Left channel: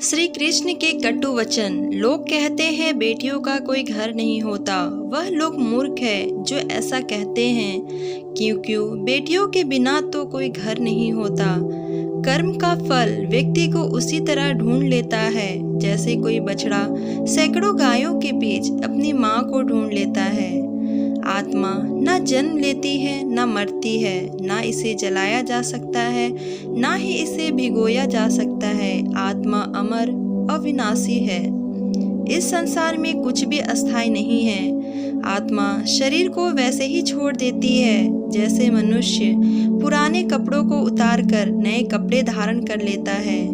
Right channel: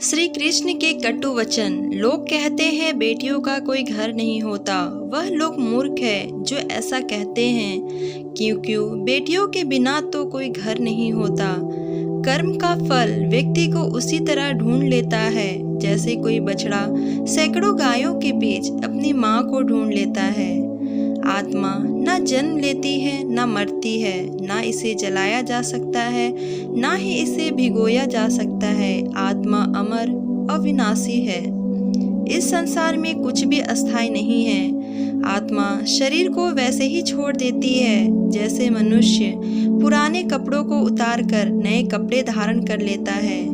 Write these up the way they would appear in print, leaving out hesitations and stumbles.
श्री कृष्ण के कटु वचन। लोग कहते हैं बेटियों का कोई घर नहीं होता। वह लोग मूर्ख है जो ऐसा कहते हैं। क्योंकि बेटियों के बिना तो कोई घर नहीं होता। कर्म का फल व्यक्ति को उसी तरह ढूंढ लेता है जैसे कोई बछड़ा सैकड़ों गायों के बीच अपनी माँ को ढूंढ लेता है। आत्मा न जन्म लेती है न मरती है, ना इसे जलाया जा सकता है ना ही इसे भिगोया जा सकता है। आत्मा अमर अविनाशी है। इस संसार में कुछ भी अस्थायी नहीं है। आत्मा शरीर को वैसे ही छोड़ देती है जैसे मनुष्य पुराने कपड़ों को उतारकर नए कपड़े धारण कर लेता है।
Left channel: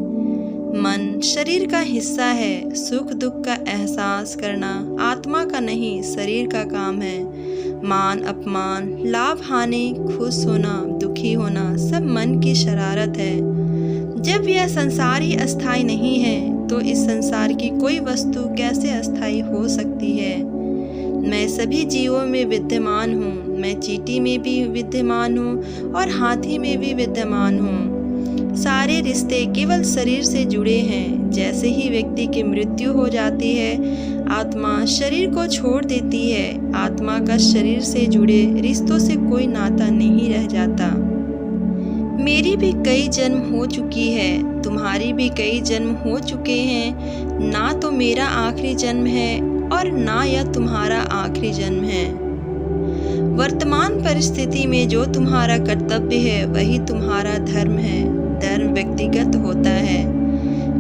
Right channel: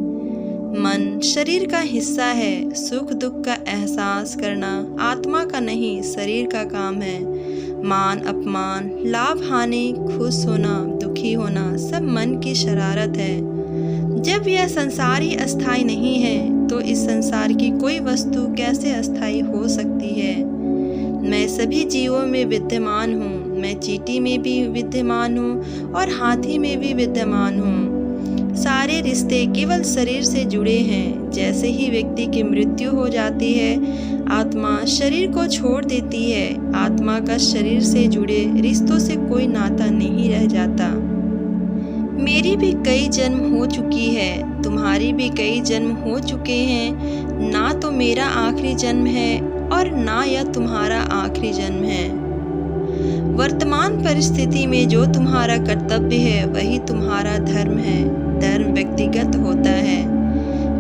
मन शरीर का हिस्सा है। सुख दुख का एहसास करना आत्मा का नहीं शरीर का काम है। मान अपमान, लाभ हानि, खुश होना, दुखी होना सब मन की शरारत है। जब यह संसार ही अस्थायी नहीं है तो इस संसार की कोई वस्तु कैसे अस्थायी हो सकती है। मैं सभी जीवों में विद्यमान हूँ। मैं चींटी में भी विद्यमान हूँ और हाथी में भी विद्यमान हूँ। सारे रिश्ते केवल शरीर से जुड़े हैं। जैसे ही व्यक्ति की मृत्यु हो जाती है आत्मा शरीर को छोड़ देती है। आत्मा का शरीर से जुड़े रिश्तों से कोई नाता नहीं रह जाता। मेरी भी कई जन्म हो चुकी है, तुम्हारी भी कई जन्म हो चुके हैं। ना तो मेरा आखिरी जन्म है और ना यह तुम्हारा आखिरी जन्म है। वर्तमान परिस्थिति में जो तुम्हारा कर्तव्य है वही तुम्हारा धर्म है। धर्म व्यक्तिगत होता है।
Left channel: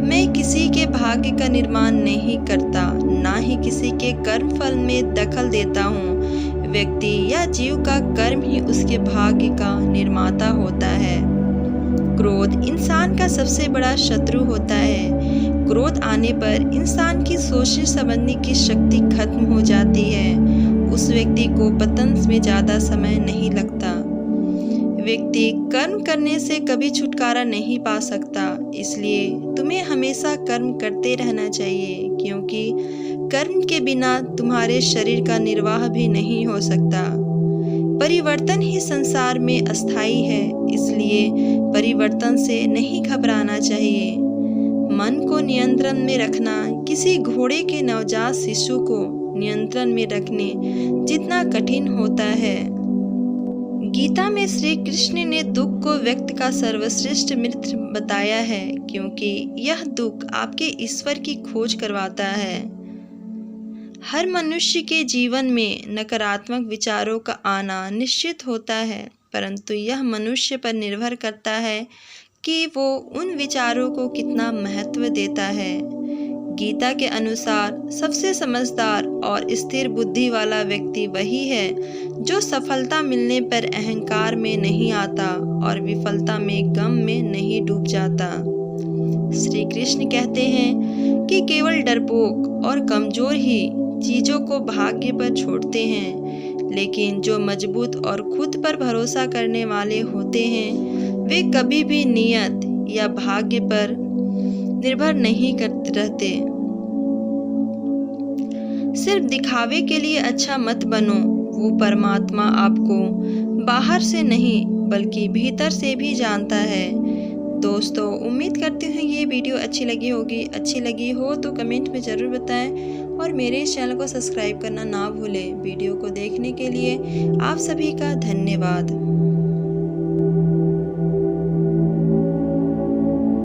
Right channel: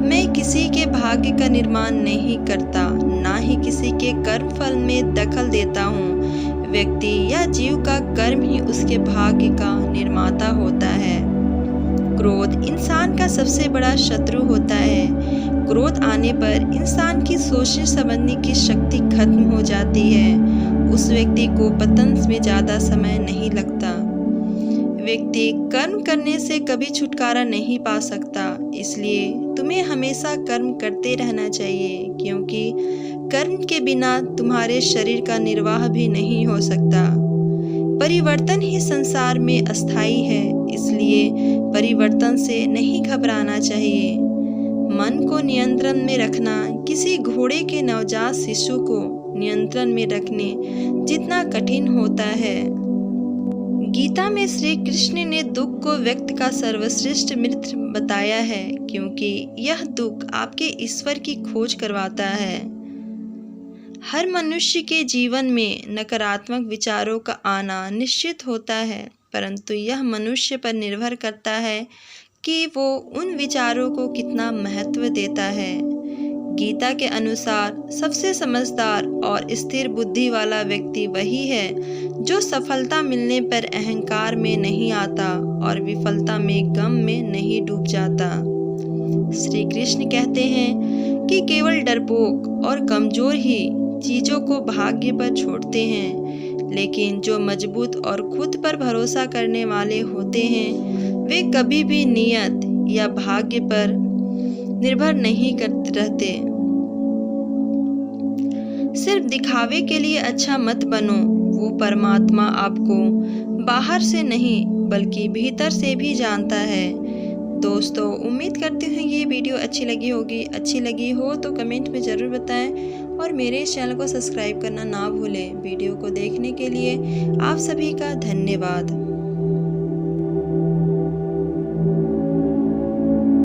मैं किसी के भाग्य का निर्माण नहीं करता, ना ही किसी के कर्म फल में दखल देता हूँ। व्यक्ति या जीव का कर्म ही उसके भाग्य का निर्माता होता है। क्रोध इंसान का सबसे बड़ा शत्रु होता है। क्रोध आने पर इंसान की सोचने समझने की शक्ति खत्म हो जाती है। उस व्यक्ति को पतन में ज़्यादा समय नहीं लगता। व्यक्ति कर्म करने से कभी छुटकारा नहीं पा सकता। इसलिए तुम्हें हमेशा कर्म करते रहना चाहिए, क्योंकि कर्म के बिना तुम्हारे शरीर का निर्वाह भी नहीं हो सकता। परिवर्तन ही संसार में अस्थायी है, इसलिए परिवर्तन से नहीं घबराना चाहिए। मन को नियंत्रण में रखना किसी घोड़े के नवजात शिशु को नियंत्रण में रखने जितना कठिन होता है। गीता में श्री कृष्ण ने दुख को व्यक्ति का सर्वश्रेष्ठ मित्र बताया है, क्योंकि यह दुख आपके ईश्वर की खोज करवाता है। हर मनुष्य के जीवन में नकारात्मक विचारों का आना निश्चित होता है, परंतु यह मनुष्य पर निर्भर करता है कि वो उन विचारों को कितना महत्व देता है। गीता के अनुसार सबसे समझदार और स्थिर बुद्धि वाला व्यक्ति वही है जो सफलता मिलने पर अहंकार में नहीं आता और विफलता में गम में नहीं डूब जाता। श्री कृष्ण कहते हैं कि केवल डरपोक और कमजोर ही चीज़ों को भाग्य पर छोड़ते हैं, लेकिन जो मजबूत और खुद पर भरोसा करने वाले होते हैं वे कभी भी नियत या भाग्य पर निर्भर नहीं करते रहते। सिर्फ दिखावे के लिए अच्छा मत बनो। वो परमात्मा आपको बाहर से नहीं बल्कि भीतर से भी जानता है। दोस्तों, उम्मीद करती हूँ ये वीडियो अच्छी लगी होगी। अच्छी लगी हो तो कमेंट में ज़रूर बताएं और मेरे इस चैनल को सब्सक्राइब करना ना भूलें। वीडियो को देखने के लिए आप सभी का धन्यवाद।